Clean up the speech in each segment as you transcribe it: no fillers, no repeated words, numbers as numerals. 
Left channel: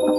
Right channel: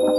Assalamualaikum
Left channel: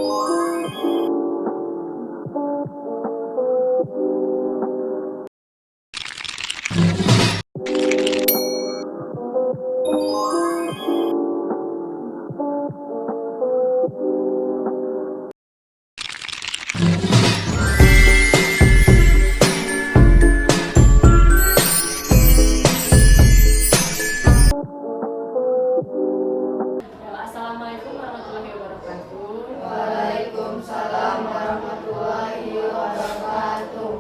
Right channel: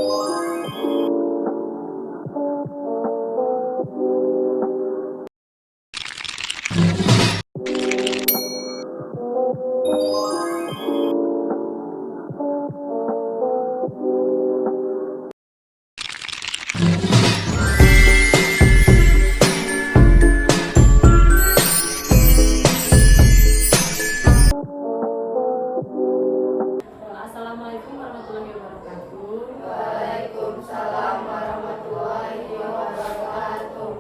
warahmatullahi wabarakatuh. Waalaikumsalam warahmatullahi wabarakatuh.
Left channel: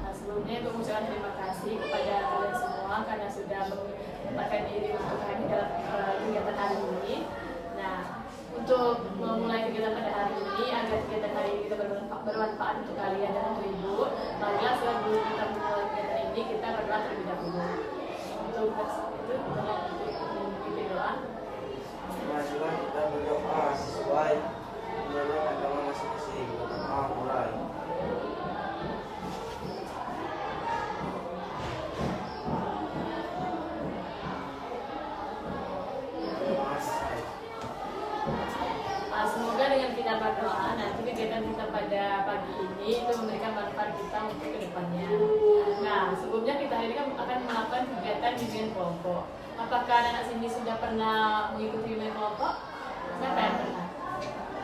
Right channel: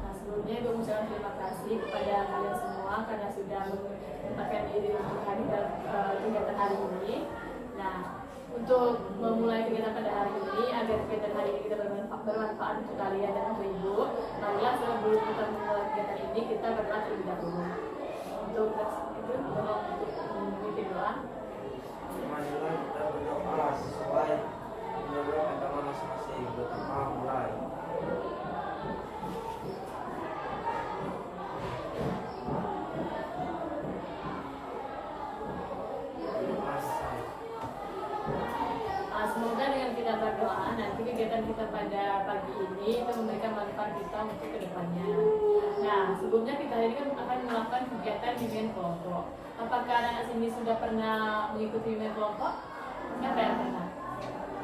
Nah, sebelumnya Ibu mengucapkan terima kasih kepada kalian semua karena sudah menyempatkan diri untuk hadir dalam kegiatan hari ini. Nah, untuk memulai kegiatan pada hari ini, agar kegiatan hari ini kita bermanfaat untuk kalian dan untuk Ibu, marilah sebelum kita memulai kegiatan ini kita berdoa terlebih dahulu. Untuk itu, tolong untuk memimpin doa. Marilah kita berdoa sesuai menurut agama masing-masing. Berdoa mulai. Berdoa selesai. Semoga dengan kita berdoa nanti kegiatan kita pada pagi ini itu memberikan manfaat kita untuk kedepannya. Nah, sebelumnya kita hari ini akan melakukan kegiatan bimbingan kelompok. Apakah anak sini sudah pernah mengikuti bimbingan kelompok? Siapa yang pernah?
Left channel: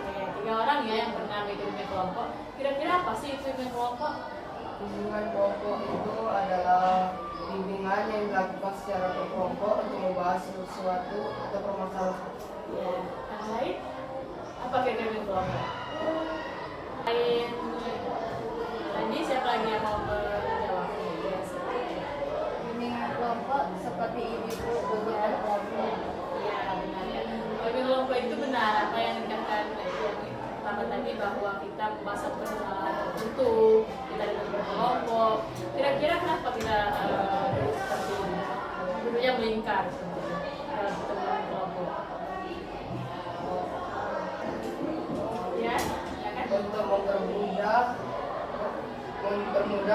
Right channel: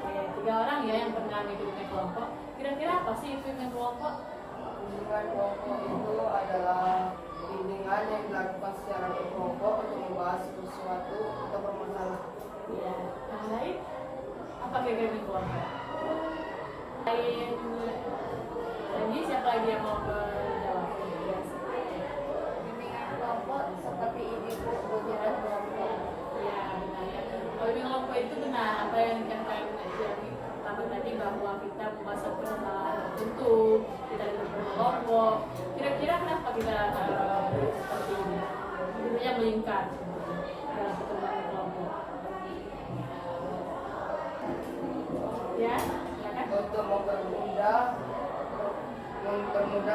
Oke, 3 orang ya yang pernah mengikuti bimbingan kelompok. Kira-kira apa sih itu bimbingan kelompok? Bimbingan kelompok itu adalah bimbingan yang dilakukan secara berkelompok untuk membahas sesuatu atau permasalahan. Ya, yang lain? Apa kira-kira bimbingan kelompok? Lain tadi siapa lagi yang mau menjawab? Yes. Bimbingan kelompok seperti ini bentuknya kelompok. Iya, benar ya. Kalau bimbingan kelompok itu benar apa yang dikatakan yang pertama tadi bahwa kita membahas satu permasalahan tertentu, kita dalam berkelompok. Kira-kira kenapa kita seperti ini? Dulunya melingkar sebetulnya dalam pertemuan kelompok. Ya, ya kan? Untuk mempermudah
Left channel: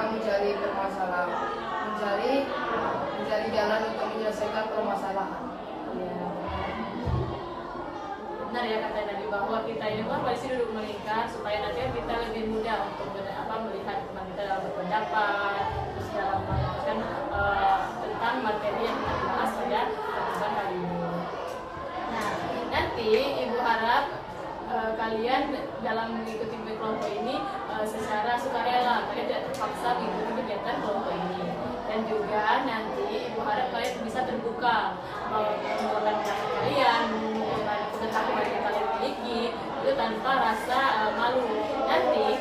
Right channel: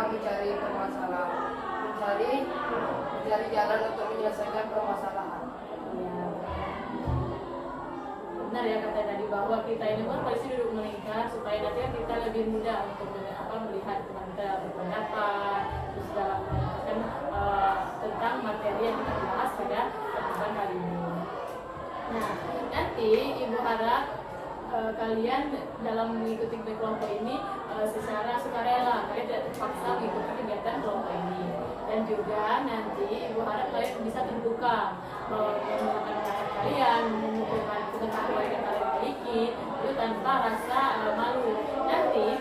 mencari permasalahan, mencari jalan untuk menyelesaikan permasalahan. Ya. Benar ya kata tadi bahwa kita ini pun pada sini duduk melingkar supaya nanti kita lebih mudah untuk melihat teman kita dalam berpendapat, terus dalam menjelaskan tentang materi yang kita bahas pada pertemuan kali ini. Nah, nanti Ibu harap kalian dalam mengikuti kelompok ini secara sukarela, kalian tidak terpaksa mengikuti kegiatan kelompok ini. Dan juga nanti Ibu harap kalian bisa terbuka mengungkapkan pendapat kalian, mengungkapkan pengetahuan yang kalian miliki itu tanpa rasa malu. Nanti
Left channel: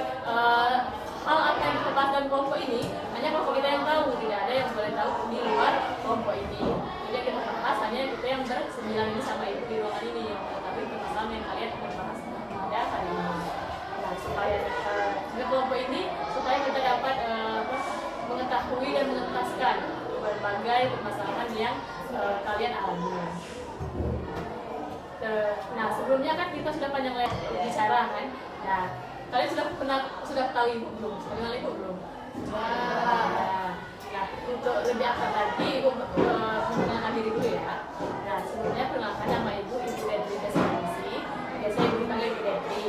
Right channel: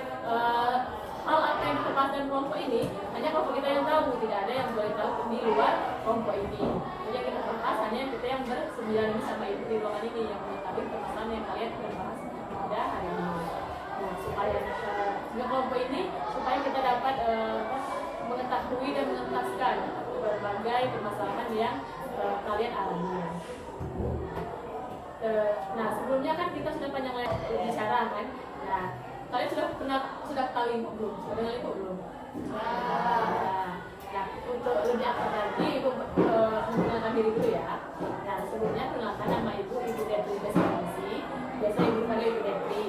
hal apa yang terlepas dalam kelompok ini hanya kelompok kita yang tahu, tidak ada yang boleh tahu di luar kelompok ini. Jadi yang kita bahas hanya kita yang bersembilan ini sama Ibu di ruangan ini yang mengetahui permasalahan yang kalian akan bahas pada hari ini. Nah, supaya di kelompok ini supaya kita dapat mengetahui dan mengentaskan berbagai permasalahan yang kalian alami. Nah, sebelumnya kan kita sudah panjang lebar bicara kan. Nah, kalian sudah tahu Ibu belum? Sudah kenal Ibu belum? Ya. Nah, untuk lebih akrab lagi Ibu memperkenalkan diri dulu ya. Nah, sebelumnya perkenalkan nama Ibu Detri Deswanisi. Biasa Ibu dipanggil Ibu Detri.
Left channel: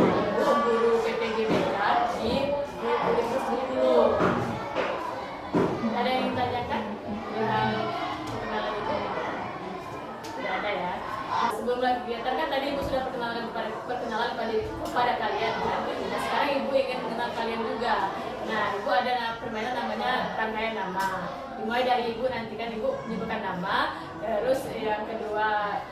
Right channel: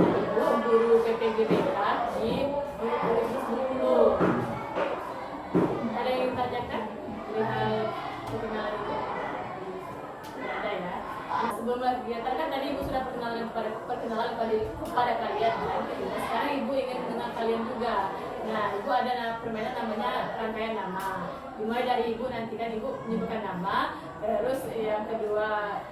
Nah, Ibu guru PPGBK di Universitas Bengkulu. Ada yang ditanyakan perihal perkenalan itu? Tidak ada ya. Nah, sebelum lagi kegiatan kan tadi Ibu sudah perkenalan kepada kalian kan. Nah, sekarang Ibu ingin mengenal kalian juga. Nah, Ibu ada permainan namanya rangkaian nama. Dimulai dari Ibu nanti kan Ibu menyebutkan nama, terus yang kedua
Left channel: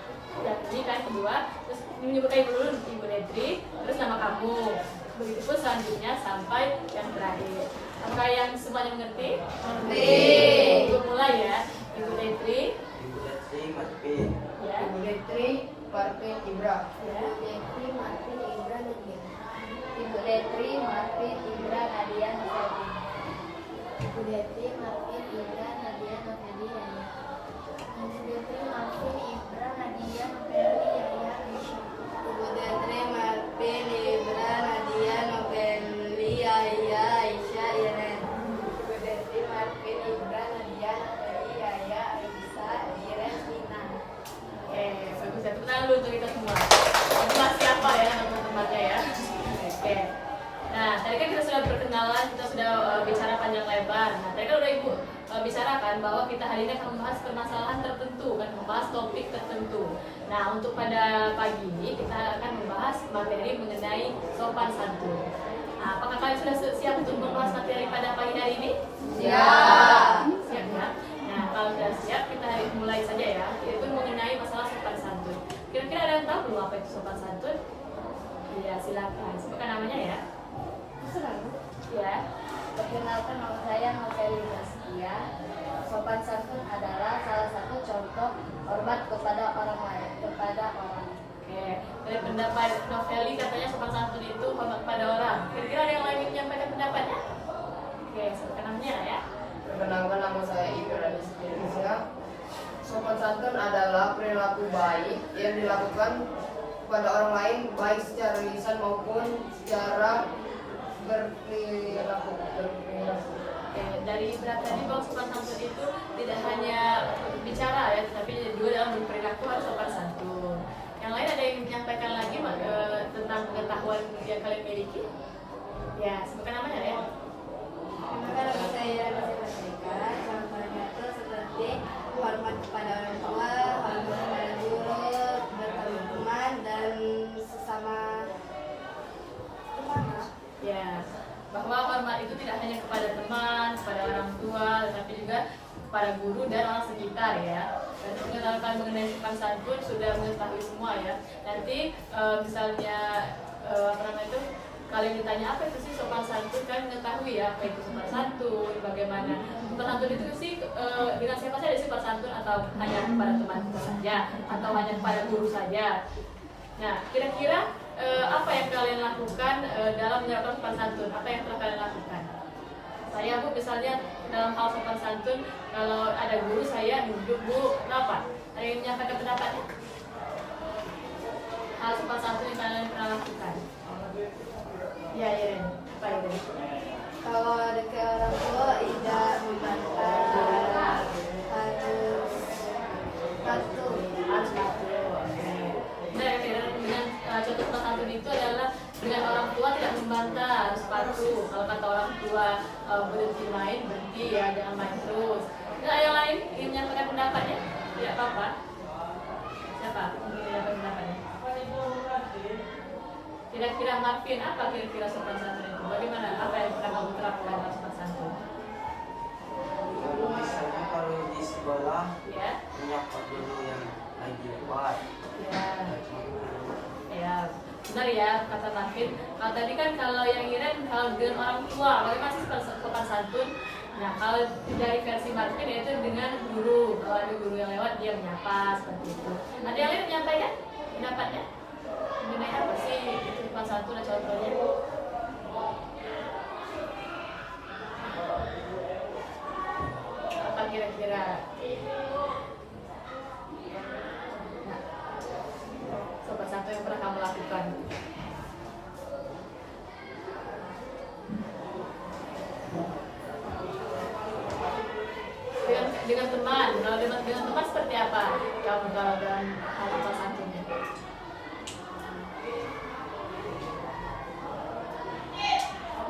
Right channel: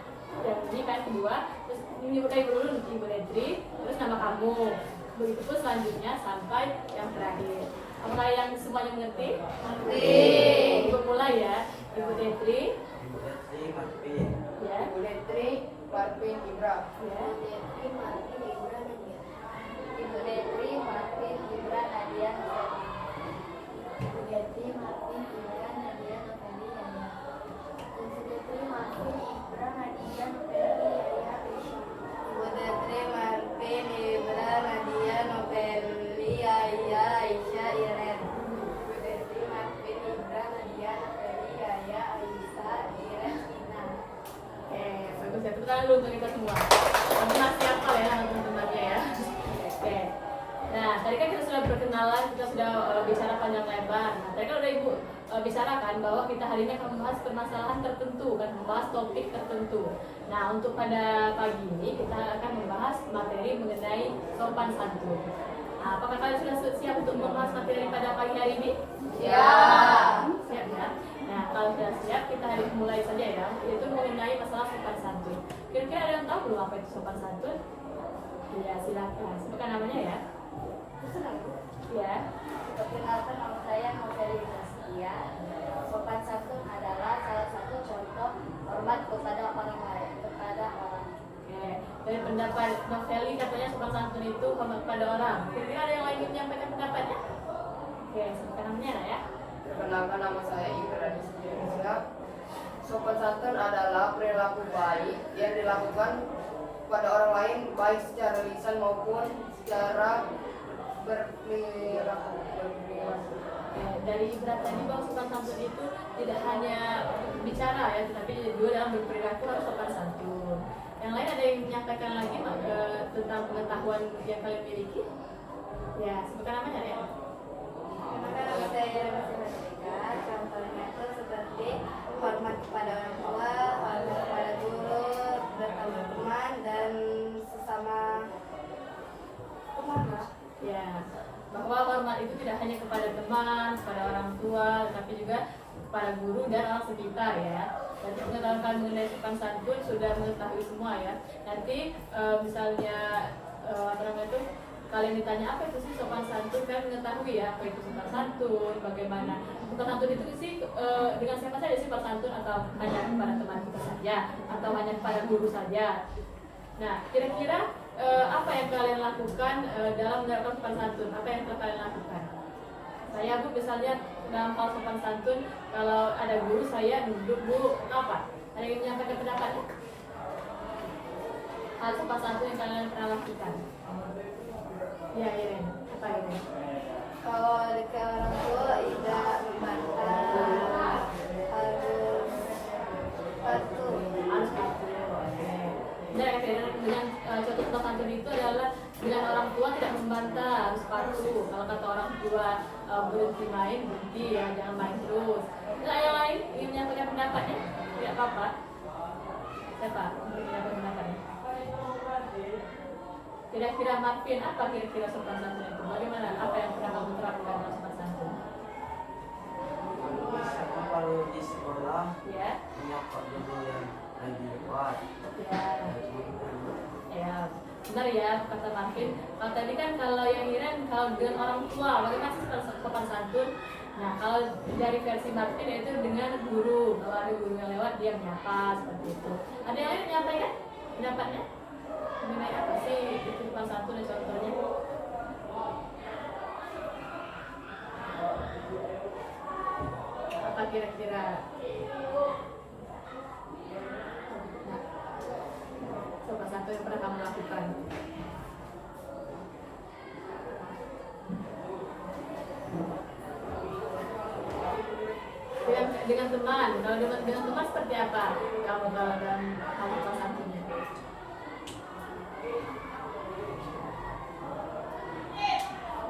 yang ini kan kedua, terus menyebutkan Ibu dulu Ibu Detri, terus nama kamu. Begitupun selanjutnya sampai yang terakhir. Apakah yang semuanya mengerti? Mengerti. Ibu mulai ya. Ibu Detri. Ibu Detri Martin. Ya. Ibu Detri Martin Ibra. Ya. Detri Martin Ibra Nadia. Ibu Detri Martin Ibra Nadia Nafedi. Ibu Detri Martin Ibra Nadia Nafedi Yaya. Ibu Detri Martin Ibra Nadia Nafedi Yaya Aisyah. Ibu Detri Martin Ibra Nadia Noveli Yaya Aisyah Iren. Ibu Detri Martin Ibra Nadia Nafedi Yaya Aisyah Iren Ina. Bagus ya. Tepuk tangan dulu untuk kita semua. Jadi masih hafal ya teman-teman tadi kan kita sudah berkenalan, kita sudah bicara panjang lebar. Nah, tadi kan udah Ibu bicarakan bahwa kita hari ini akan membahas permasalahan tertentu, kan membahas topik tertentu. Nah, untuk pada pagi ini kita akan membahas materi mengenai sopan santun. Nah, apakah kalian sudah siap untuk membahas materi pada pagi hari ini? Siap. Siap ya. Nah, kalau sudah siap, kita hari ini mulai saja ya. Itu mengenai masalah sopan santun. Kira-kira ada yang tahu belum apa itu sopan santun? Iya, silakan. Sebutkan namanya ya. Ya. Perkenalkan, nama saya Noveli Zaskia. Sopan santun adalah salah satu contoh hormat kepada orang lain, kepada orang. Oke, dari pendapat Noveli katanya sopan santun itu hormat pada orang. Kira-kira ada yang lain yang menyampaikan pendapatnya? Oke, sebutkan namanya ya. Perkenalkan, nama saya Ibnu Rizka. Sopan santun adalah perilaku baik yang dilakukan pada orang lain, baik secara lisan maupun secara berperilaku. Oke, dari berat tadi bahwa sopan santun itu tidak hanya bicara ya, tapi juga dalam berperilaku harus sopan santun. Yang lain ada yang menyampaikan lagi tentang pengetahuan yang kalian miliki? Ya, sebutkan namanya ya. Nama saya Rizka. Contohnya itu seperti hormat kepada orang tua, hormat kepada guru, berteman dan sesama teman. Ya, bahwa hormat itu tidak hanya kepada teman, kepada orang tua, tapi juga kepada guru dan orang sekitar ya. Berarti pengetahuan mengenai sopan santun sudah mengetahui semua ya. Nanti misalnya apa namanya itu kalian ditanya apa itu sih sopan santun, kalian mengetahui ya apa itu sopan santun, bagaimana sopan santun itu sih dengan siapa saja sopan santun, atau hanya kepada teman kita saja, atau hanya kepada guru saja. Nah, kira-kira apa yang kalian lakukan dalam menerapkan sopan santun? Apa yang telah kalian lakukan? Saya Bu misalnya dalam hal sopan santun, kalau ada guru saya duduk Bu, kenapa? Ada yang menyampaikan pendapatnya? Hal sopan santun yang kalian pernah lakukan? Ya, Iren, apa itu? Kalau ada ke orang tua tidak membantah, Harus patuh. Oke. Nah, dengan contoh sopan santun itu adalah dengan orang tua tidak membantah, harus patuh. Kalau kata orang tua berhenti main, berhenti ya, jangan main terus. Nah, yang lain ingin menyampaikan pendapatnya? Tidak apa-apa. Siapa ingin menyampaikan pendapatnya? Kira-kira Marvin, apa kira-kira sopan santun itu? Bagaimana? Apa yang pernah kamu terapkan dalam sopan santun? Misalnya kalau di sekolah Ya, menyapa guru yang lagi lewat. ya, ya. Benar ya kata Marvin. Kalau tadi kan kalau yang Iren kalau dengan orang tua, bagaimana sih sopan santun? Nah, kalau dari versi Marvin yaitu dengan guru. Kalau ada guru yang lewat dia menyapa seperti itu. Ada yang lain menyampaikan pendapatnya? Mengenai apa sih sopan santun dan contohnya? Apa kira-kira? Nah, sopan santun yang pernah kamu lakukan? Dengan teman, kalau dengan teman seperti apa? Kamu kalau dengan hal sopan santunnya?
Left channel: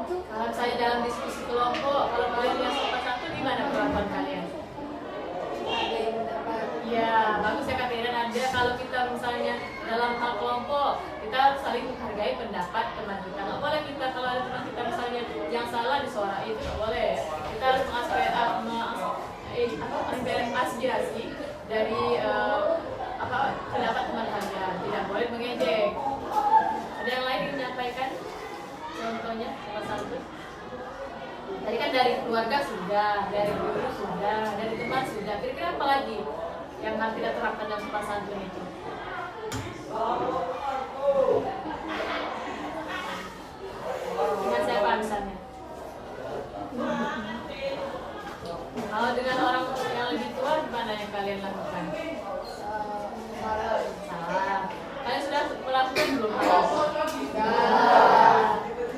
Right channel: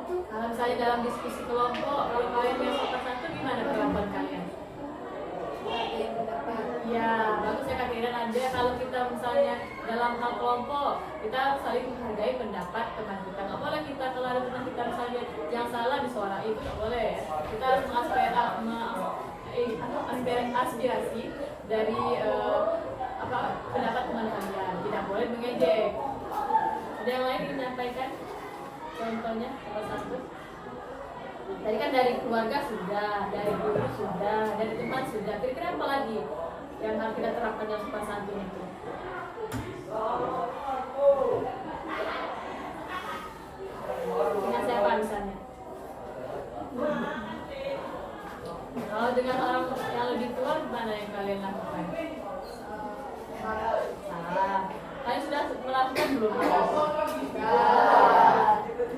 Kalau misalnya dalam diskusi kelompok, kalau kalian yang sopan santun gimana perlakuan kalian? Ya, bagus ya Kak Iren. Ada kalau kita misalnya dalam hal kelompok, kita harus saling menghargai pendapat teman kita. Nggak boleh kita kalau ada teman kita misalnya yang salah disuarain, itu nggak boleh. Kita harus mengaspirasi dari pendapat teman kalian. Tidak boleh mengejek. Ada yang lain yang menyampaikan? Contohnya sopan santun. Tadi kan dari keluarga sudah, dari guru sudah, dari teman sudah. Kira-kira apa lagi yang harus kita terapkan dalam sopan santun itu? Dengan siapa misalnya? Kalau dengan orang yang lebih tua, gimana yang kalian lakukan? Salam. Kalian sudah melakukan belum hal itu?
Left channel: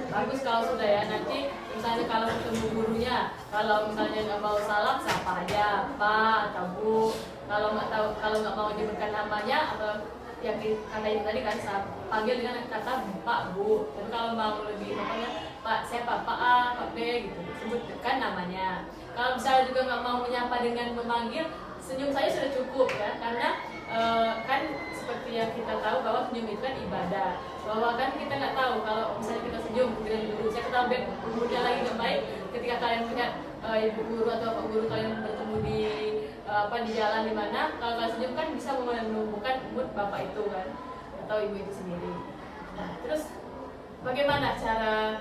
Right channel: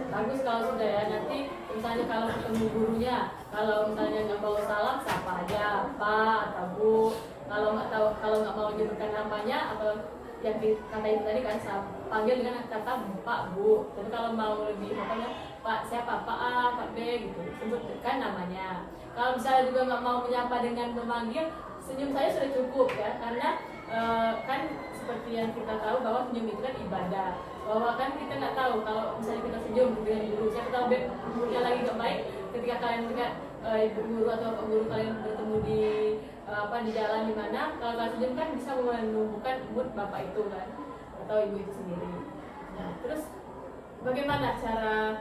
Bagus kalau sudah ya. Nanti misalnya kalau ketemu gurunya, kalau misalnya nggak mau salam, sapa aja Pak atau Bu. Kalau nggak mau menyebutkan namanya atau yang kata itu tadi kan panggil dengan kata Pak Bu. Tapi kalau mau lebih ya Pak siapa, Pak A, Pak B gitu, sebutkan namanya. Kalau misalnya juga nggak mau menyapa dengan memanggil, senyum saya sudah cukup ya, karena kan seperti yang kita tahu bahwa senyum itu kan ibadah. Bahwa kan kita nggak tahu kalau misalnya kita senyum dengan guru, siapa tahu gurunya lagi nggak baik, ketika kalian melihat ibu guru atau pak guru kalian bertemu di di jalan di mana, kalau kalian senyum kan bisa menumbuhkan mood bapak itu kan atau ibu itu sendiri. Nah, terus bagaimana cara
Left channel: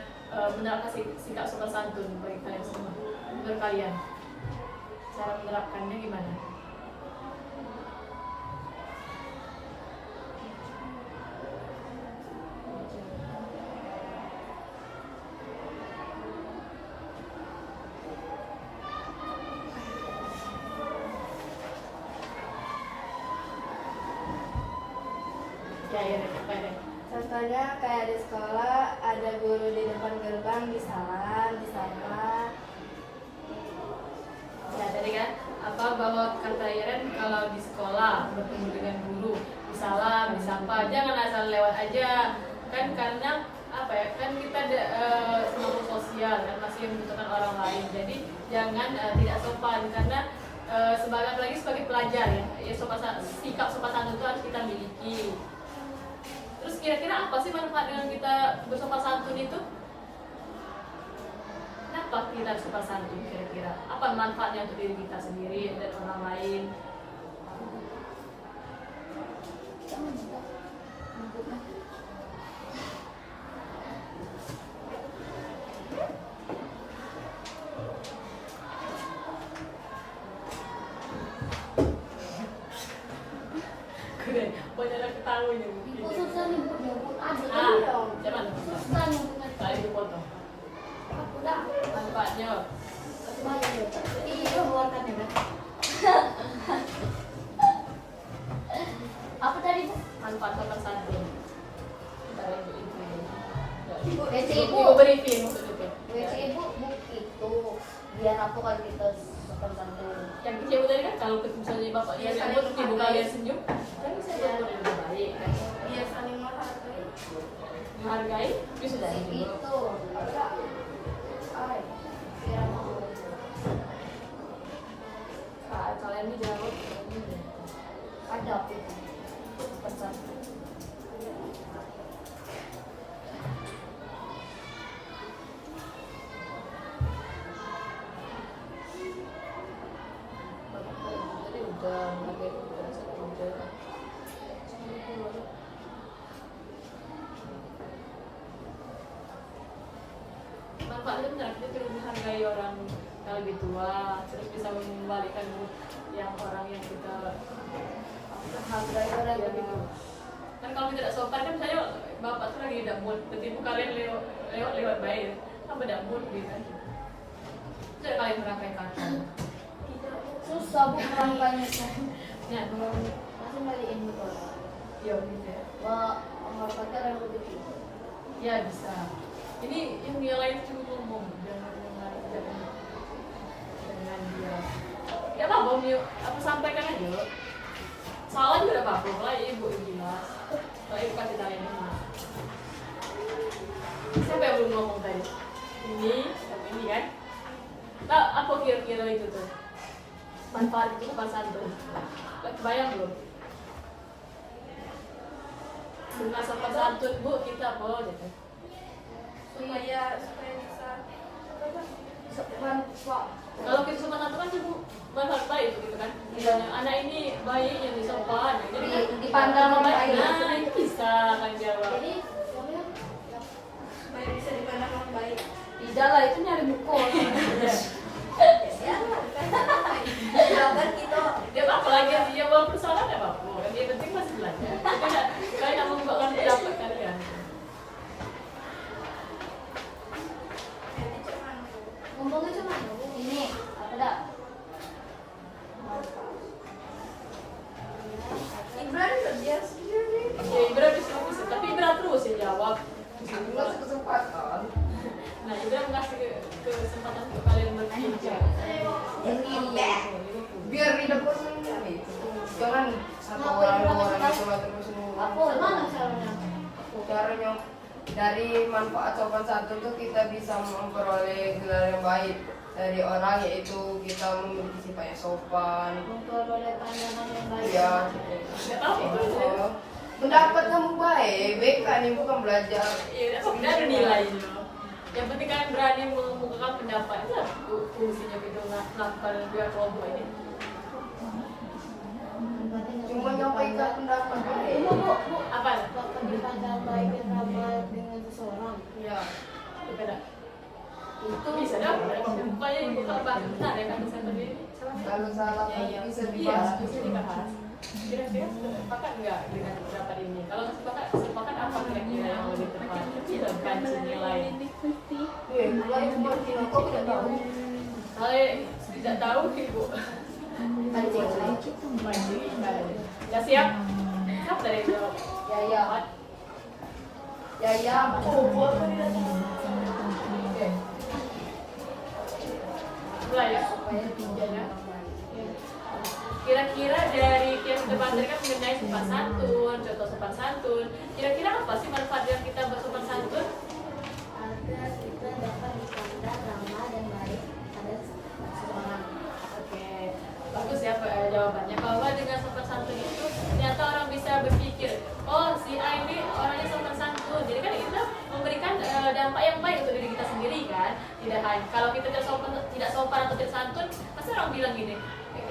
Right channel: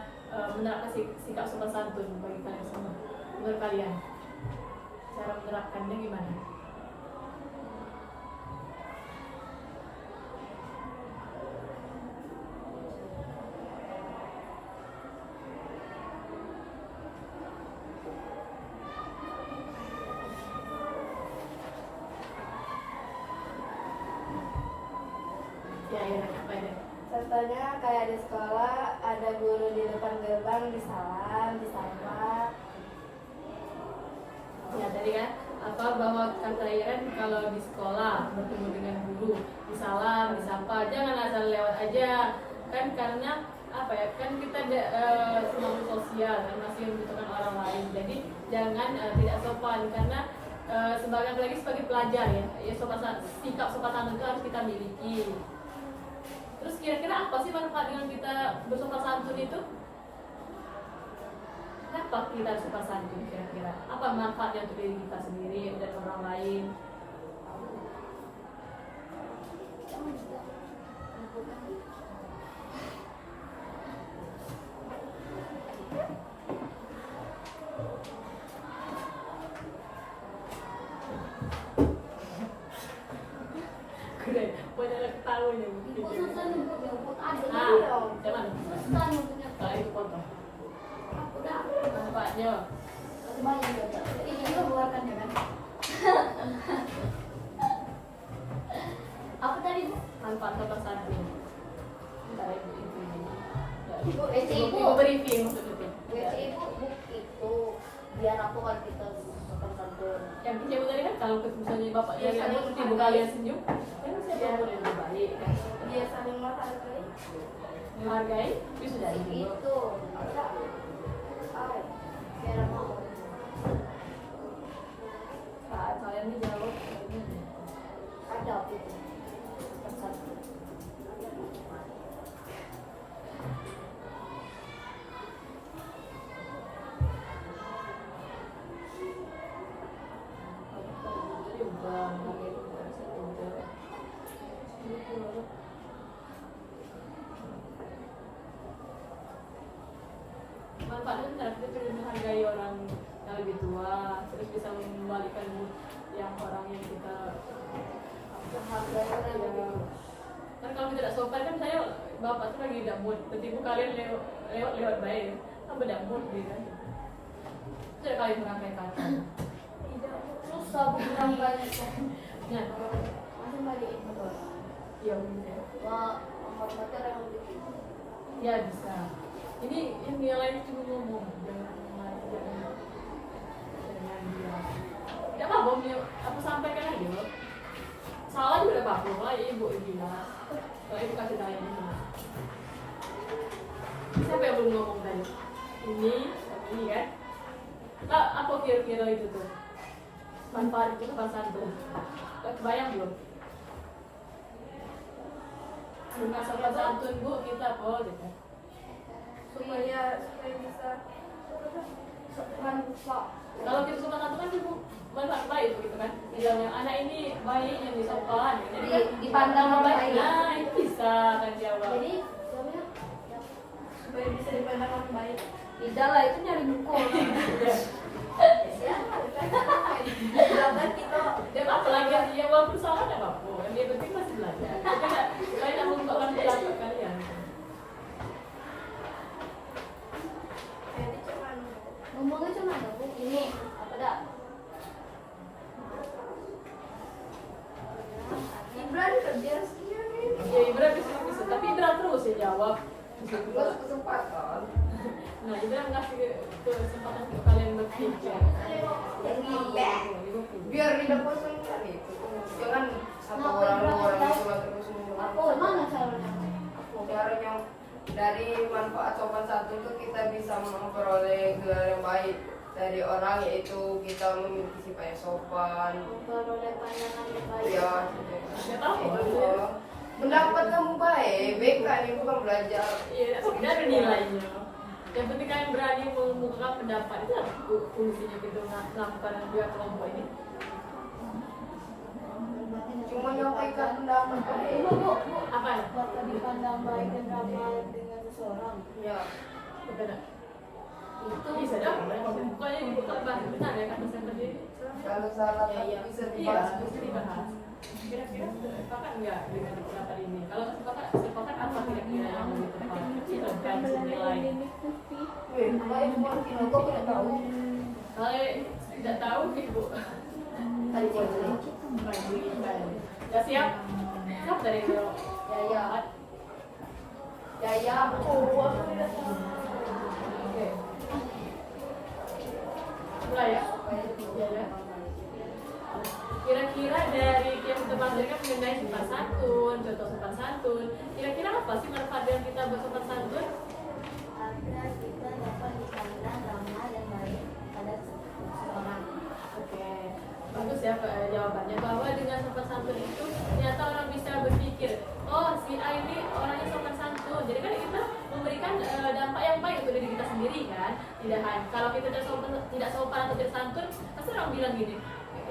menerapkan sikap sopan santun bagi kalian semua? Menurut kalian cara menerapkannya gimana? Contohnya kayak di sekolah ada guru di depan gerbang disalam, disapa. Ya tadi kan bahwa kata Iren kalau di sekolah bertemu dengan guru disalam, disapa, jangan asal lewat aja kan, karena kan kita makhluk sosial kan, masih membutuhkan orang lain, jadi jangan tidak sopan karena apalagi sebagai pelajar ya sikap sopan santun itu harus kita miliki. Terus kira-kira apa sih manfaat dengan kita bersopan santun itu? Kenapa kita harus sopan santun kira-kira? Apa manfaatnya untuk diri kita sendiri dan orang lain? Keren, banyak ketawanya mungkin. Susah nih bu, ada Cuman susah nyebutnya. kali itu potong. Udah, Manfaatnya banyak ya. Iya, keluarkan ya kan. Apa tadi bu? manfaat sopan santun. Bentar ya, ibu. Ibu, Ibu briefing maksud itu. WC ibu itu biar aku kalau kita sopan santun. Yang ibu tadi kan kalau misalnya bapaknya ribut, ibu kalian senyum, kan bisa buat lebih baik kan. Dia saling menghargai. Menghargai, itu sudah Itu juga. enggak. Ay, biar aku. Kalian ini jawab ini Ada itu. sopan santun. Tadi udah menghargai perbedaan satu udah. Manfaatnya benar, kita perlu menghargai orang yang lebih tua, terus bisa mengembalikan mood yang orang yang kita Hargai orang yang kan kalau kita tidak sopan kan saya bapak tuh lagi tidak mood, tiba kalian lewat baik, kan tidak mood gitu kan. Tidak kalian merangkai kata. susah bu merangkainya. Ya, Langsung balikin dulu. iya gitu ya. Wah, hormatnya yang lebih tinggi. Ya bisa. Ini yang lain cuma ngomong, jangan yang lain, jangan dia. Ya apa nih, aku sampaikan aja. Salah juga ada apa-apa lah, ibu jelas. Kalau ibu kasih tahu yang mana. Siapa yang belum ngomong tadi? Ini kan? Nah, apa kira-kira itu tuh? Manfaat itu sopan santun. Kebayang belum? Dengan sopan santun bu, kita apa gitu? Supaya bisa manfaat. Kalau kita sopan santun kan cukup manfaat baik gitu kan. Misalnya anak ini baik yang disopan, jadi kan Dipandang baik. Nah itu bisa kan jawab. Jadi supaya bisa dipandang orang baik. Tidak lah itu nyari buku. Jawaban kita. Dia apa lagi ya walaupun salah tidak apa-apa. Yang penting masih belajar. Kalian tidak membuatkan pendapat kalian. Ngomongnya cuma ini apa dah? Ibran kerja sendiri. Ya Ibra bisa, tapi Ibra terus yang jawab. Terus kesempatan. Nah Ibra mengasih kesempatan untuk kalian berpikir. Yang ini biar tidak bosan nih. Jangan satu orang dua orang sholat terus semua. Mana caranya? Caranya dari manfaat sopan santun itu kita bisa memperoleh gelar yang baik dari orang, yaitu kita memiliki sifat yang sopan. Memperoleh pandangan yang baik. Ya, Siapa tahu? mendapat kamu baik, BK nih bukan belajar. Iya, tidak ada nilainya. Yang penting kan berani mengemukakan pendapat, itu lah fungsinya kita melakukan dua kelompok ini. Cuma nyampaikan pendapat baik. Apa? Waktu dipandang baik dan ramah dengan seseorang. Ya, Berbeda. Itu Bisa dapat. Bukannya dibuka bahasa benar ya kan saya sendiri. kalau salah bisa Iya, dibahas. mesti dibahas. Kira-kira sepakat nggak dengan pendapat ini? Kalau sepakat apa kira-kira yang lebih tepat? Kita kasih nilai. Kalau itu mungkin kok tidak tahu. Saya tidak tahu ibu. Pancing. Mandiri kan. Sudah siap? Siap dari itu. Ya ya. Ya ya. Aku tidak tahu. Oke. Mulai ya. Ya ya. Kira-kira dari yang kita bahas tadi kan mengenai sopan santun, contoh sopan santun. Kira-kira apa sih manfaat yang kita bersopan santun? agar kita dapat dipandang ramah dan baik pada seseorang. Oke, bagus ya jawabannya, bahwa dengan sopan santun itu ternyata orang bisa berpikir, oh si A ini orangnya sopan santun. Jadi kan kita memberikan dampak yang baik untuk diri kita sendiri kan. Tidak hanya kalau kita tidak sopan atau tidak santun, pasti orang bilang gini,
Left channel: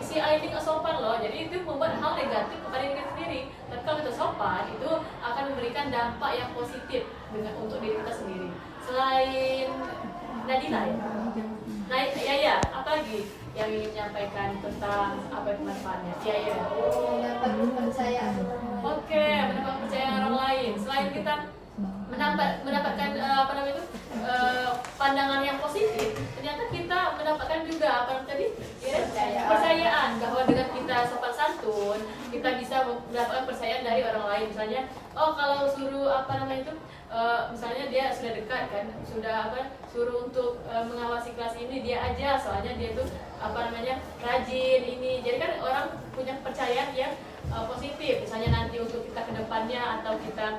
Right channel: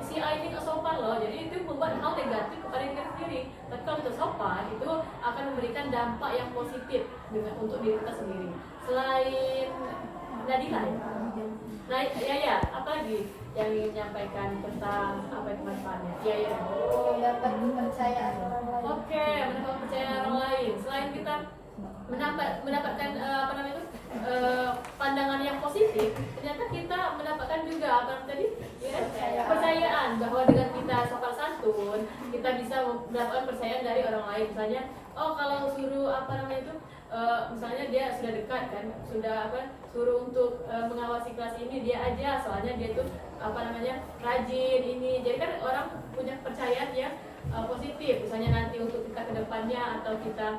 si A ini nggak sopan loh, jadi itu membuat hal negatif kepada diri kita sendiri. Tapi kalau kita sopan, itu akan memberikan dampak yang positif untuk diri kita sendiri. Selain Nadila ya? Nah, ya, apa lagi yang ingin menyampaikan tentang apa itu manfaatnya? Ya. Mendapat kepercayaan orang lain. Oke, mendapat kepercayaan orang lain. Selain kita mendapatkan apa namanya itu pandangan yang positif, ternyata kita mendapatkan juga apa tadi ya, kepercayaan bahwa dengan kita sopan santun kita bisa mendapatkan kepercayaan dari orang lain. Misalnya, oh kalau suruh apa namanya itu misalnya dia sudah dekat kan, sudah suruh untuk mengawasi kelas ini dia aja, soalnya dia itu apa namanya rajin ini. Jadi kan orang punya kepercayaan yang positif. Misalnya nanti untuk kita ke depannya atau kita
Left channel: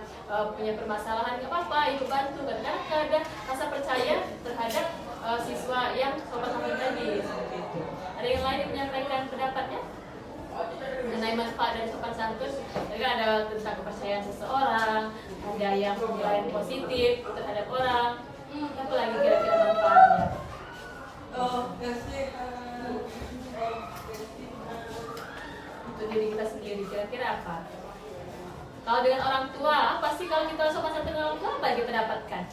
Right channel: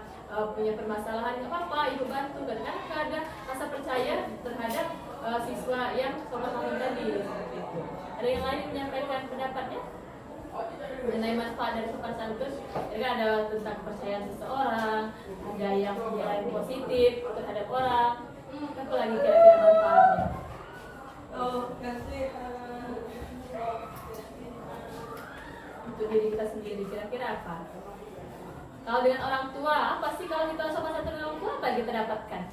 punya permasalahan, nggak apa-apa, ibu bantu. Karena ada rasa percaya terhadap siswa yang sopan santun tadi, seperti itu. Ada yang lain yang menyampaikan pendapatnya mengenai manfaat dari sopan santun? Jadi kan ada tentang kepercayaan seseorang, ada yang nilai positif terhadap orang. Apa lagi kira-kira manfaatnya? Untuk diri kita sendiri kira-kira apa? Kalau dengan orang tua, apa sih kalau kita sopan santun dengan orang tua, apa yang kita dapatkan?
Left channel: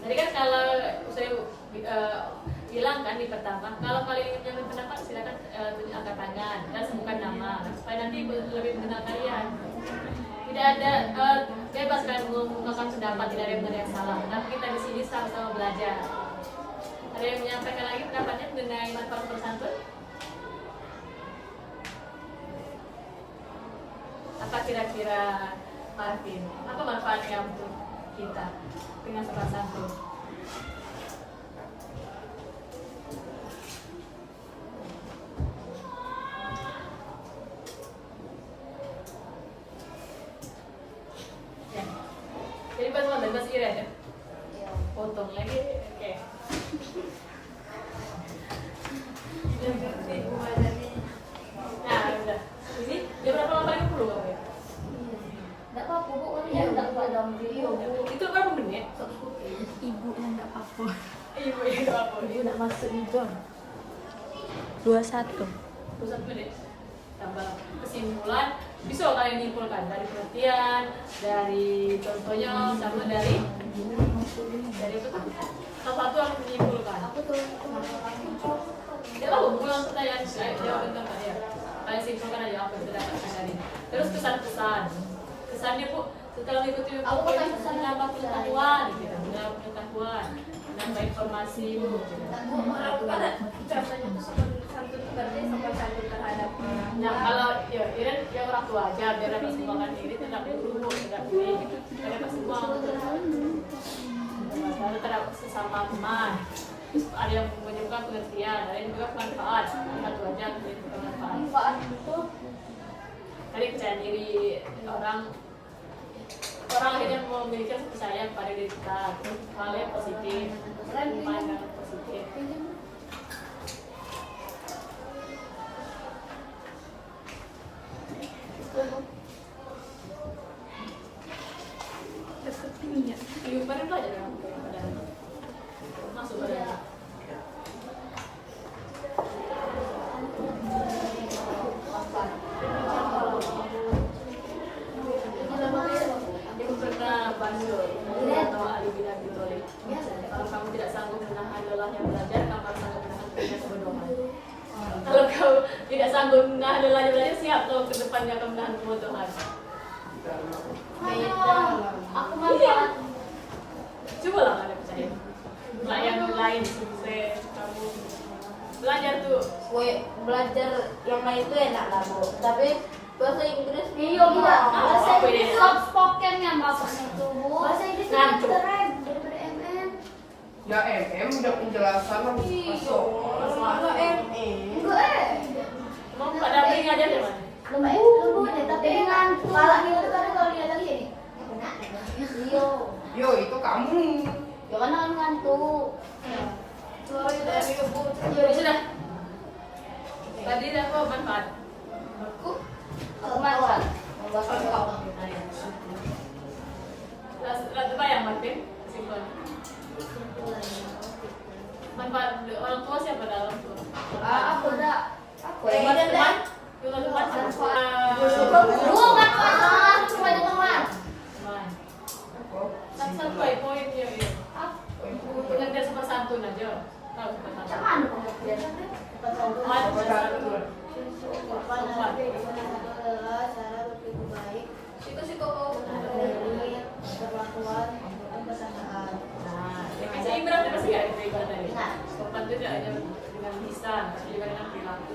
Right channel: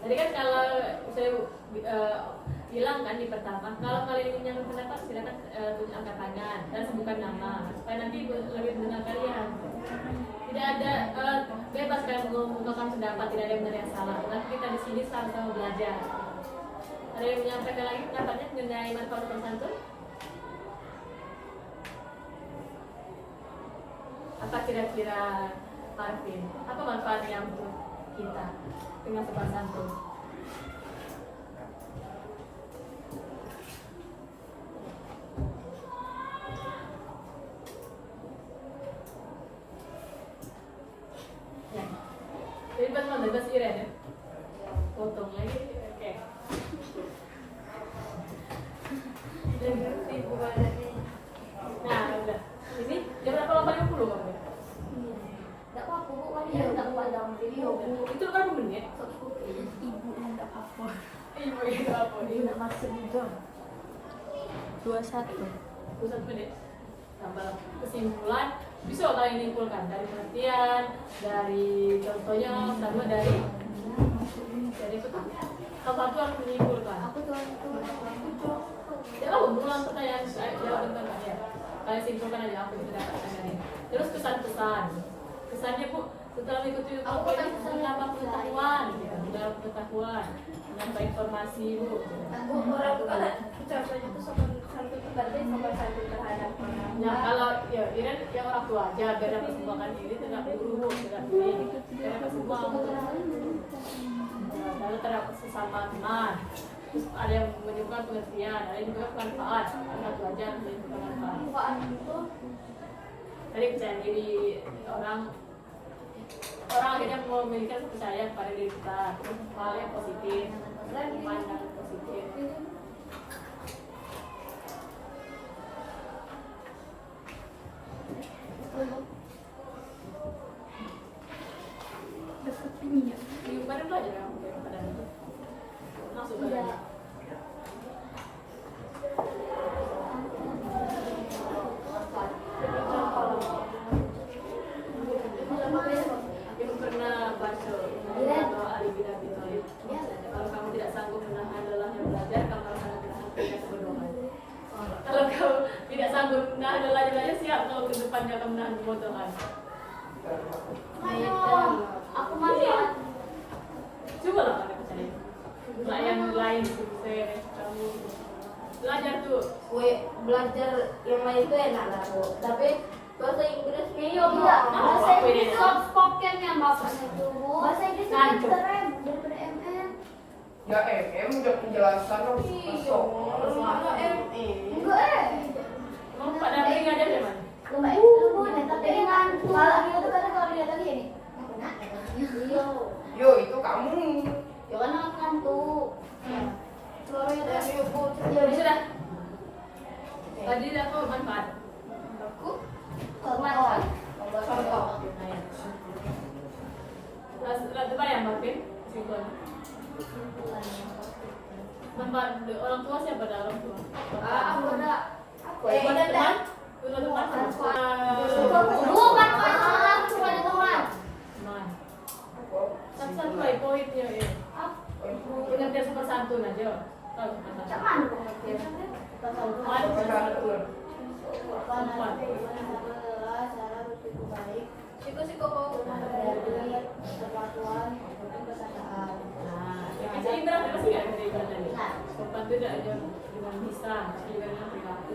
Tadi kan kalau saya bilang kan di pertama, kalau kalian ingin menyampaikan pendapat silakan angkat tangan dan sebutkan nama supaya nanti lebih mengenal kalian. Tidak ada bebas kalian mengungkapkan pendapat, tidak ada yang benar yang salah. Nah kita di sini sama-sama belajar. Ada yang menyampaikan lagi pendapatnya mengenai manfaat sopan santun? Apa kira-kira Marvin? Apa manfaatnya untuk kita dengan sopan santun? Ya. Jadi bahasa Iren ya? Potong lagi, oke. Nah, udah. Ini jam berapa? 8.50 kan ya? Tidak apa-apa, Bu. Kan ya tidak dalam video. Itu berapa menit? Ibu yang nggak apa Ibu yang berapa? dia nggak masuk juga 21 1 menit. Tambah kesimpulan. Bisa kalian nyimpulkan dari pengertian, dari contohnya, sama dari apa tuh? Satu-satu harus menyimpulkan. Aku tuh Ya, ulang pertanyaan jawaban tengah ya. Kalian simpulkan aja apa yang kita dapatkan dari ini. Terus kesan-kesan. Kesannya Bu, setelah mengikuti buku ini menambah pengetahuan, gitu. Menambah pengetahuan, menambah informasi Bu. aku orang pada contohnya tuh sopan santun berarti sopan santun terhadap Nah, kalau ya Iren yang orang tua aja biar dapat sumbangan ini tidak perlu guru, tidak perlu dapat sumbangan. Lalu terhadap sesama teman. Terus ada yang menyebutkan pengertian, ada yang juga manfaat. Ada satu aja yang menyebutkan manfaat. Manfaat itu Tadi percaya diri orang akhirnya memiliki kepercayaan pada diri kita, terus hal yang positif, pandangan positif. Minggu kemarin belajar kan pada masuk pada yang pernah bandel atau alibida bitolik. Kalau kamu tidak sanggup menahan lelah yang belajar, kamu harus sanggup menahan kebodohan. Kalau kamu tidak sanggup menahan lelah yang belajar, siap kalau ke depannya kamu menahan kebodohan. aku manfaat. Coba lah ada percaya. Lah yang lain sukses, kamu belajar tuh. Belajar yang lain itu enak lah bu, tapi bahasa Inggris Iya tidak. Bahasa apa ini? Inggris soft spokennya maksudnya tuh bu. Bahasa Inggris kan Ngantuk. keren daripada MM. Ya udah penjelasan harus masuk. Enggak Mau Pak Dabri ngajar di mana? Lembu deh, tapi dengan malah gitu kan kalau dia lagi ini. Iya. Yo itu kamu. Jangan kan ngantuk. Suaranya dari bu. Ya sudah. Tadi apa manfaat? Aku Manfaat. nah, ya. Lalu bayang Martin kesimpulan. Manfaat orang tua siapa dah orang tua? Aku ada. Teman-teman. Teman. Bukan manfaat, cuma ada teman. Teman. Satu poinnya ya. Pengertian sopan santun aja. Tahu sopan santun. Cuman pengertian. Sopan santun. Sopan adalah cara berpikir baik dari perlakuan untuk kesadaran. Nah, ya kan saya ibarat pasti nggak kita ibarat tadi. Nah. Sopan itu tidak hanya dengan lisan, tapi juga dengan perilaku.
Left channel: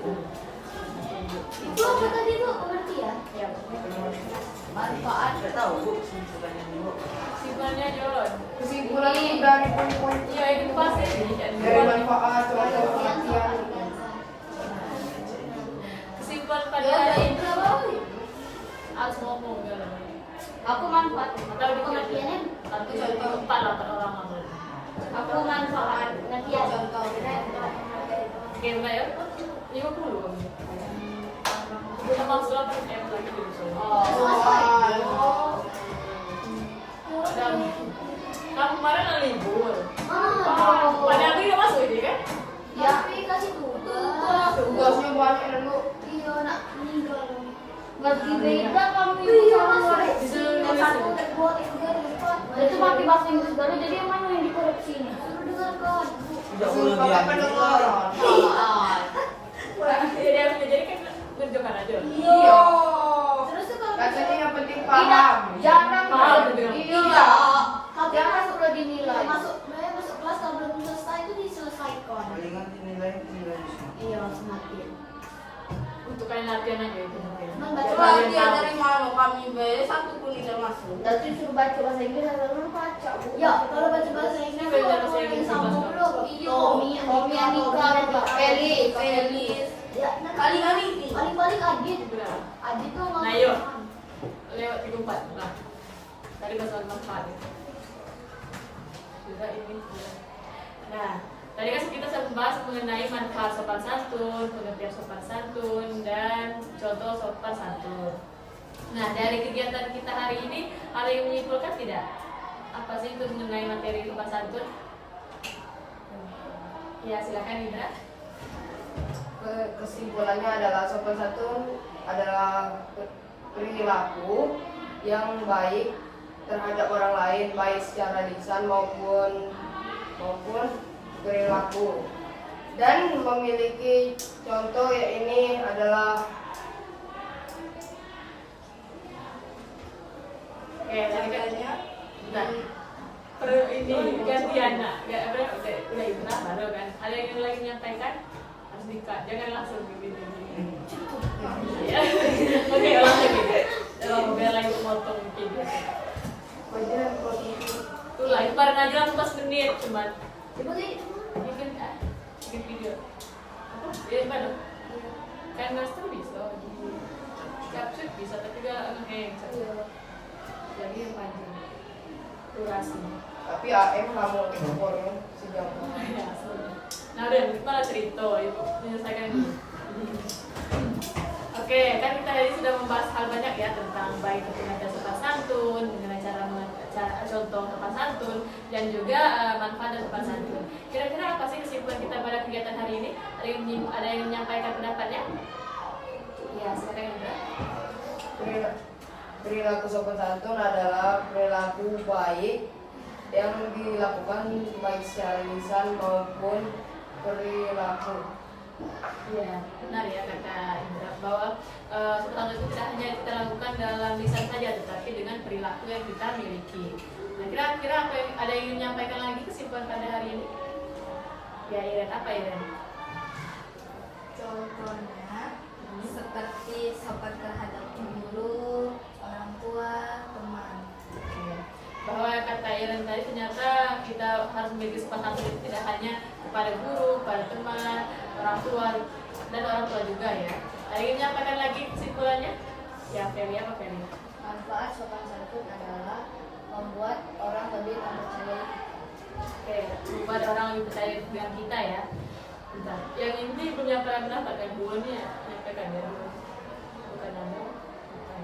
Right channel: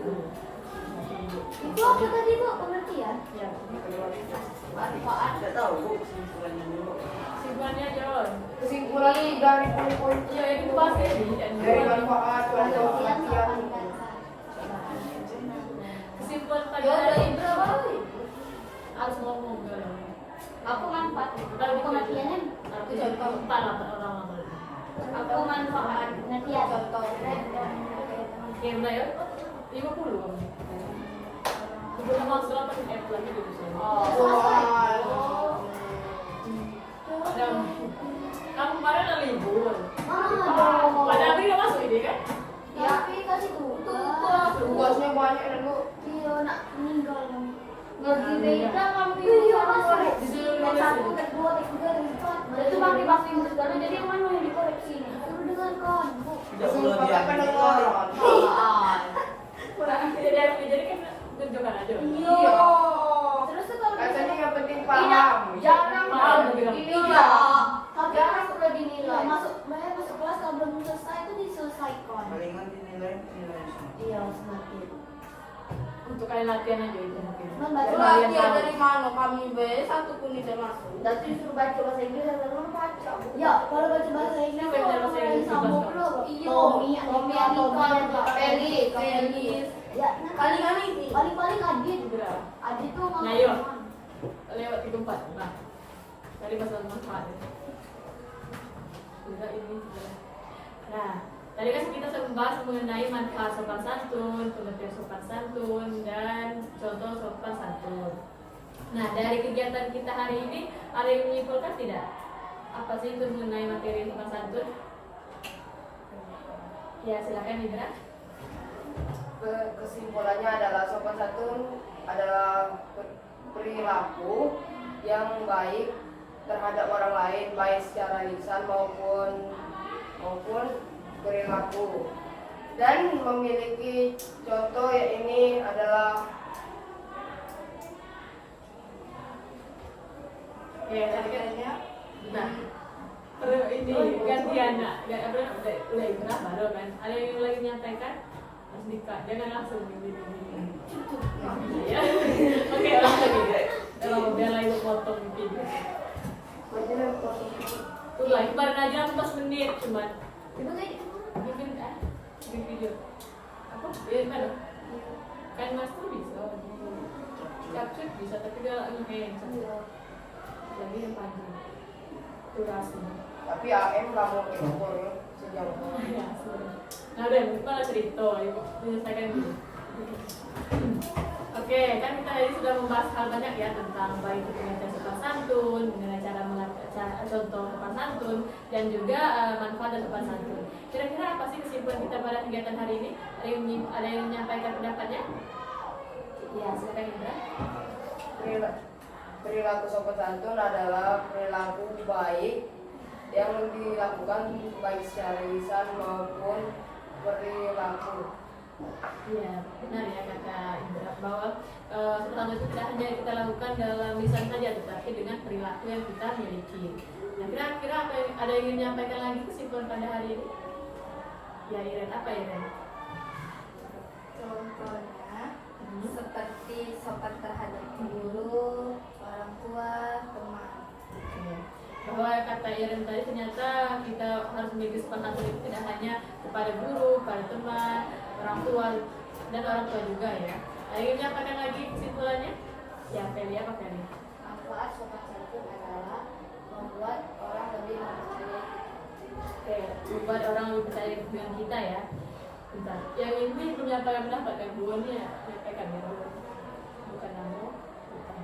Itu apa tadi tuh pengertian? Ya, Manfaat. Nggak tahu bu, kesimpulannya dulu. kesimpulannya John. Kesimpulan dari poin-poin Iya itu pasti dari manfaat contoh pengertian. kesimpulan pada Ya, hari itu apa? harus ngomong kan. Aku manfaat. Atau Pengertiannya Tapi contoh empat lah per orang atau. aku manfaat pengertian. Oke, udah ya. 50 kamu. Udah masuk apa lagi di sana. Dan kamu kemarin ada libur. Pada Abri nggak masuk ini kan? Ya, tapi kasih tugas. Tugasnya banyak dulu. Iya, nak meninggal dong. Ngerti Nah, beda kamu Iya, sama Mas. koreksi. Disuruh nulis Satu ini. dan dua, tiga dan empat. Jadi pakai bahasa Inggris baru. Jadi yang mana yang dikoreksi ini? Suruh dengarkan, Bu. Tidak perlu Pakai dia. pendengaran. Jadi kan ngerjakan aja. Iya. Terus tuh kalau Katanya yang penting Tidak, paham. jarang. Paham, tapi nggak- Iya. Tapi masuk lo dinilai. Masuk kelas kalau belum selesai itu diselesaikan. Palingan dinilai semua. Iya, semakin. Untuk kalian latihan aja itu mungkin. Membaca Biar kalian Dia tahu. dari mana kami be satu pun tidak masuk. Nanti suruh baca bahasa Inggris dan orang baca. Ya, kalau baca bahasa Inggris Siapa yang bahasa orang Inggris sambung bahasa? dulu. Iya. Tommy, Tommy, Anika, Anika, Felix. Felix. Ya, nah, Kali-kali ini. paling-paling Adit. Berapa? Adit tuh ngomong. Nah, yuk. Lewat 34. Nah. Tadi masalah manfaat. Sudah ini sudah. Nah, tadi kan kita sudah membahas mengenai manfaat sopan santun, pengertian sopan santun, dan contoh sopan santun. Nah, dari kegiatan kita hari ini, ada yang menyimpulkan tidak? Apa sih itu mengenai materi sopan santun? Ya, silakan Indra. Kesimpulannya adalah sopan santun adalah perilaku yang baik terhadap orang lain, baik secara lisan maupun perilaku. Dan memiliki contoh ya ini adalah Tadi kan nah, ini gantian nak, ya apa udah Indra baru kan. Ada yang lagi menyampaikan harus dikat, jangan langsung gini. Ya, oke ulang lagi. Dalam biar lagi potong mungkin. Tuh lah, bareng aja 14 menit cuman. Ibu sih. bikin video apa ya gimana kan master bisa capture bisa tapi dia ngehang lagi yang panjang durasi Tapi AM nggak boleh ekspor ya sejauh ya sudah. Nah udah malah cerita ibu menyelesaikan dulu. Oke, kan kita tadi sudah membahas hal banyak ya tentang baik pengertian sopan santun, mengenai cara contoh sopan santun, dan juga manfaat dari sopan santun. Kira-kira apa sih kesimpulan kita pada kegiatan hari ini? Ada yang menyampaikan pendapatnya? Ya, silakan Indra. Perilaku sopan santun adalah perilaku baik yang dilakukan baik secara lisan maupun perilaku. Ya, benar ya kata Indra bahwa sopan santun itu tidak hanya kita lakukan dalam lisan saja, tetapi dengan perilaku yang kita miliki. Nah, kira-kira apa yang ada yang ingin menyampaikan lagi kesimpulan pada hari ini? Ya, Iren, apa Iren? Contohnya seperti sopan terhadap guru, orang tua, teman. Oke. Bahwa kata Iren tadi ternyata kita harus memiliki sopan santun itu tidak hanya kepada guru, kepada teman, orang tua dan orang tua juga ya. Ada yang menyampaikan lagi kesimpulannya? Ya, Feli apa Feli? Manfaat sopan santun adalah membuat orang lebih mempercayai kita. Oke, membuat orang lebih percaya dengan kita ya. Bentar, yang ini belum menyampaikan pendapat kan? Dua nih ya, menyampaikan ya. Bukan Namo, bukan.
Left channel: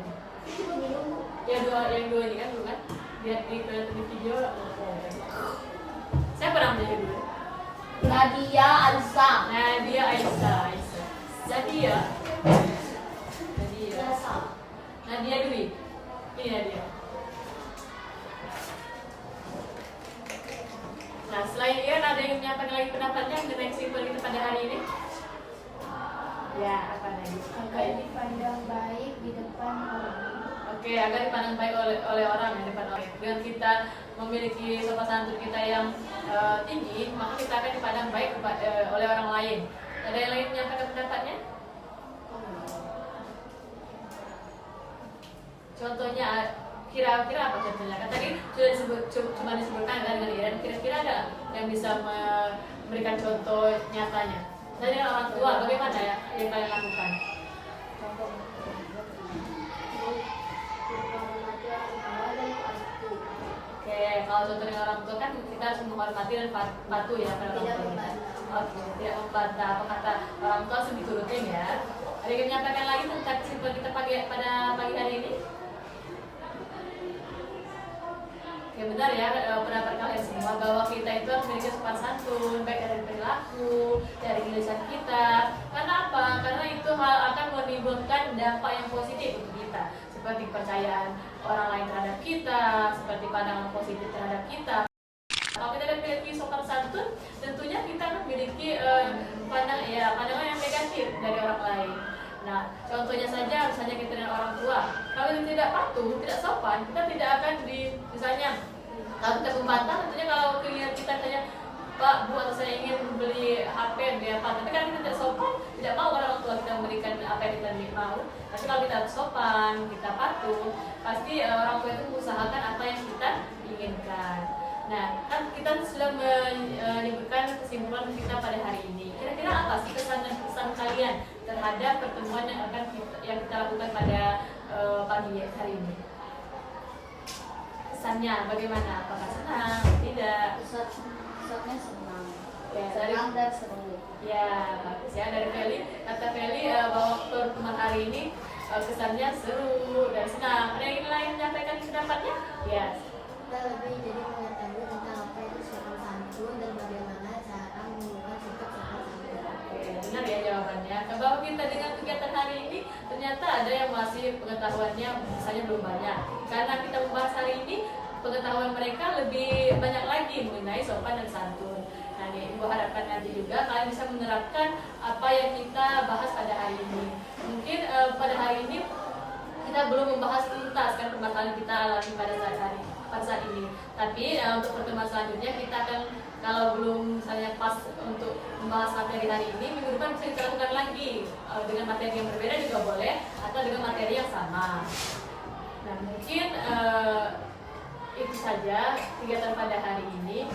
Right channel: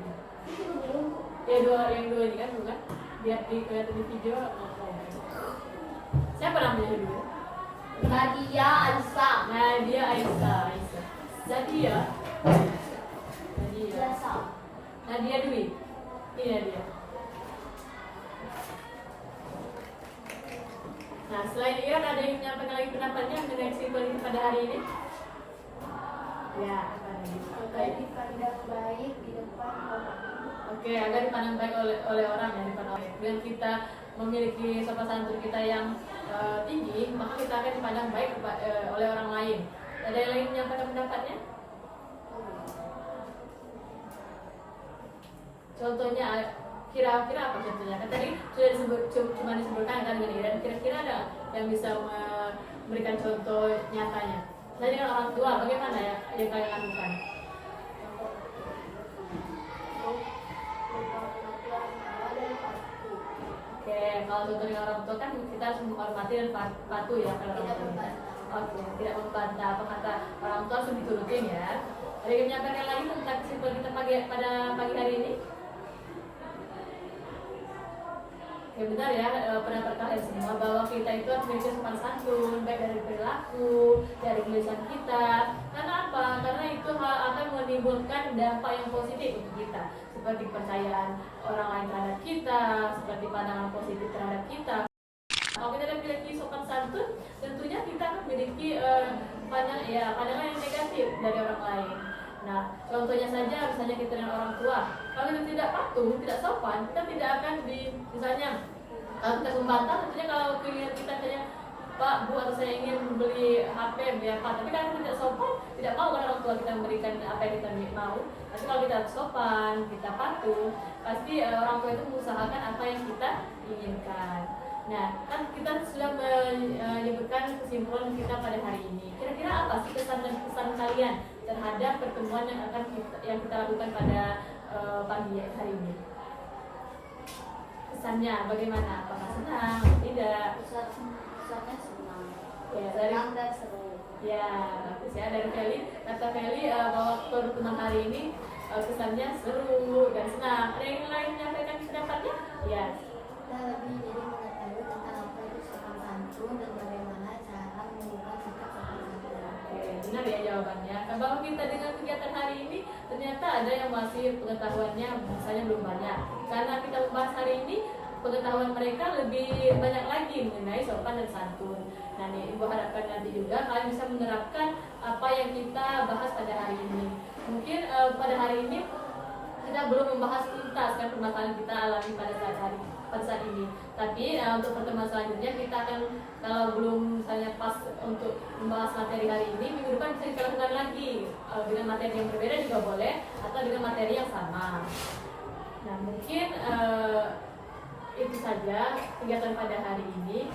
Ya yang dua ini kan belum kan? Dia kelihatan di video ngomong kan. Siapa namanya dulu? Nadia Alisa. Nadia Aisyah. Nadia Nadia Dwi. Ini Nadia. Nah, selain Iren ada yang menyampaikan lagi pendapatnya mengenai kesimpulan kita pada hari ini? Ya, apa lagi? Agar dipandang baik di depan orang. Oke, agar dipandang baik oleh orang yang depan orang. Dengan kita memiliki sopan santun kita yang tinggi, maka kita akan dipandang baik oleh orang lain. Ada yang lain menyampaikan pendapatnya? Contohnya, kira-kira apa contohnya? Kan tadi sudah cuma disebutkan kan dengan Iren. Kira-kira ada yang bisa memberikan contoh nyatanya? Nah, dengan orang tua, bagaimana ya yang kalian lakukan? Oke, kalau contoh dengan orang tua kan kita harus menghormati dan patuh ya pada orang tua kita. Oke, tidak membantah apa kata orang tua harus diturutin ya. Ada yang menyampaikan lagi tentang kesimpulan kita pada pagi hari ini? Oke, benar ya pendapat kalian semua bahwa kita itu harus memiliki sopan santun baik dari perilaku, dari lisan kita. Karena apa? Karena itu hal akan menimbulkan dampak yang positif untuk kita, seperti kepercayaan orang lain terhadap kita, seperti pandangan positif terhadap kita. Kalau kita memiliki sopan santun, tentunya kita akan memiliki pandangan yang negatif dari orang lain. Nah, contohnya saja misalnya kita dengan orang tua, kalau kita tidak patuh, tidak sopan, kita tidak akan misalnya kalau kita membantah, tentunya kalau keinginan kita tanya Pak, Bu, atau saya ingin membeli HP, beli apa, tapi kalau kita tidak sopan, tidak mau orang tua kita memberikan apa yang kita mau. Tapi kalau kita sopan, kita patuh, pasti orang tua itu mengusahakan apa yang kita inginkan. Nah, kan kita sudah menyebutkan kesimpulan kita pada hari ini. Kira-kira apa sih kesan dan kesan kalian terhadap pertemuan yang kita lakukan pada pagi hari ini? Kesannya bagaimana? Apakah senang? Tidak? Kesannya senang. Ya, dari Senang dan seru. ya bagus ya dari Feli. Kata Feli bahwa pertemuan hari ini kesannya seru dan senang. Ada yang lain menyampaikan pendapatnya? Ya. Kita lebih jadi mengetahui tentang apa itu sopan santun dan bagaimana cara mengubah sikap sopan santun. Oke, benar ya jawabannya. Bahwa kita dengan kegiatan hari ini ternyata ada yang masih pengetahuannya misalnya belum banyak. Karena kita membahas hari ini, pengetahuan mereka lebih banyak lagi mengenai sopan dan santun. Nah, Ibu harapkan nanti juga kalian bisa menerapkan apa yang kita bahas pada hari ini. Mungkin pada hari ini kita belum membahas tuntas kan permasalahan kita alami pada saat ini. Tapi untuk pertemuan selanjutnya kita akan, kalau belum misalnya pas untuk membahas materi hari ini, minggu depan bisa kita lakukan lagi dengan materi yang berbeda juga boleh, atau dengan materi yang sama. Nah, mungkin itu saja kegiatan pada hari ini.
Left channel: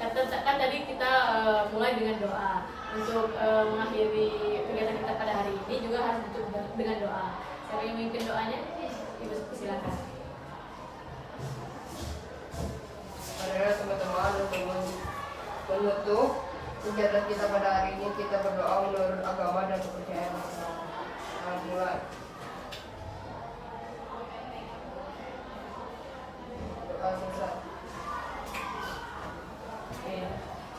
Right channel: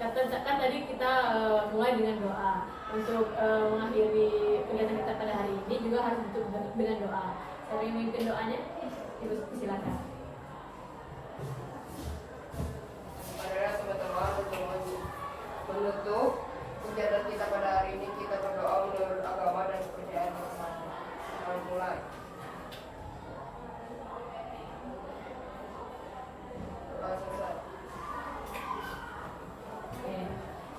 kan tadi kita mulai dengan doa. Untuk mengakhiri kegiatan kita pada hari ini juga harus ditutup dengan doa. Siapa yang memimpin doanya? Ibu silakan. Saudara teman-teman, untuk menutup kegiatan kita pada hari ini, kita berdoa menurut agama dan kepercayaan masing-masing. Mari mulai. Doa selesai. Oke.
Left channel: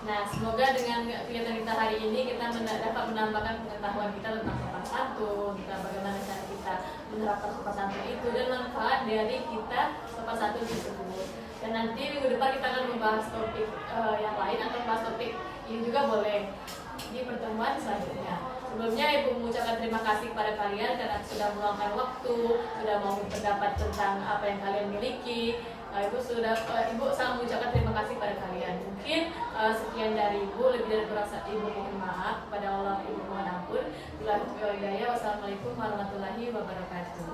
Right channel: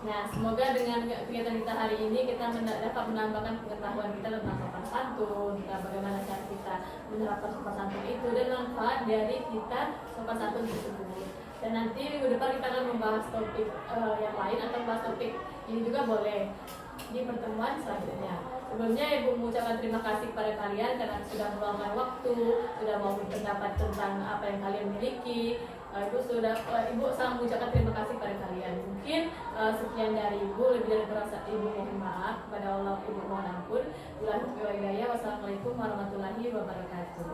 Nah, semoga dengan kegiatan kita hari ini kita dapat menambahkan pengetahuan kita tentang sopan santun, tentang bagaimana cara kita menerapkan sopan santun itu dan manfaat dari kita sopan santun tersebut. Dan nanti minggu depan kita akan membahas topik yang lain atau membahas topik ini juga boleh di pertemuan selanjutnya. Sebelumnya Ibu mengucapkan terima kasih kepada kalian karena sudah meluangkan waktu, sudah mau berpendapat tentang apa yang kalian miliki. Ibu sangat mengucapkan terima kasih pada kalian. Mungkin sekian dari Ibu, lebih dari kurang Ibu mohon maaf kepada Allah, Ibu mohon ampun. Wassalamualaikum warahmatullahi wabarakatuh.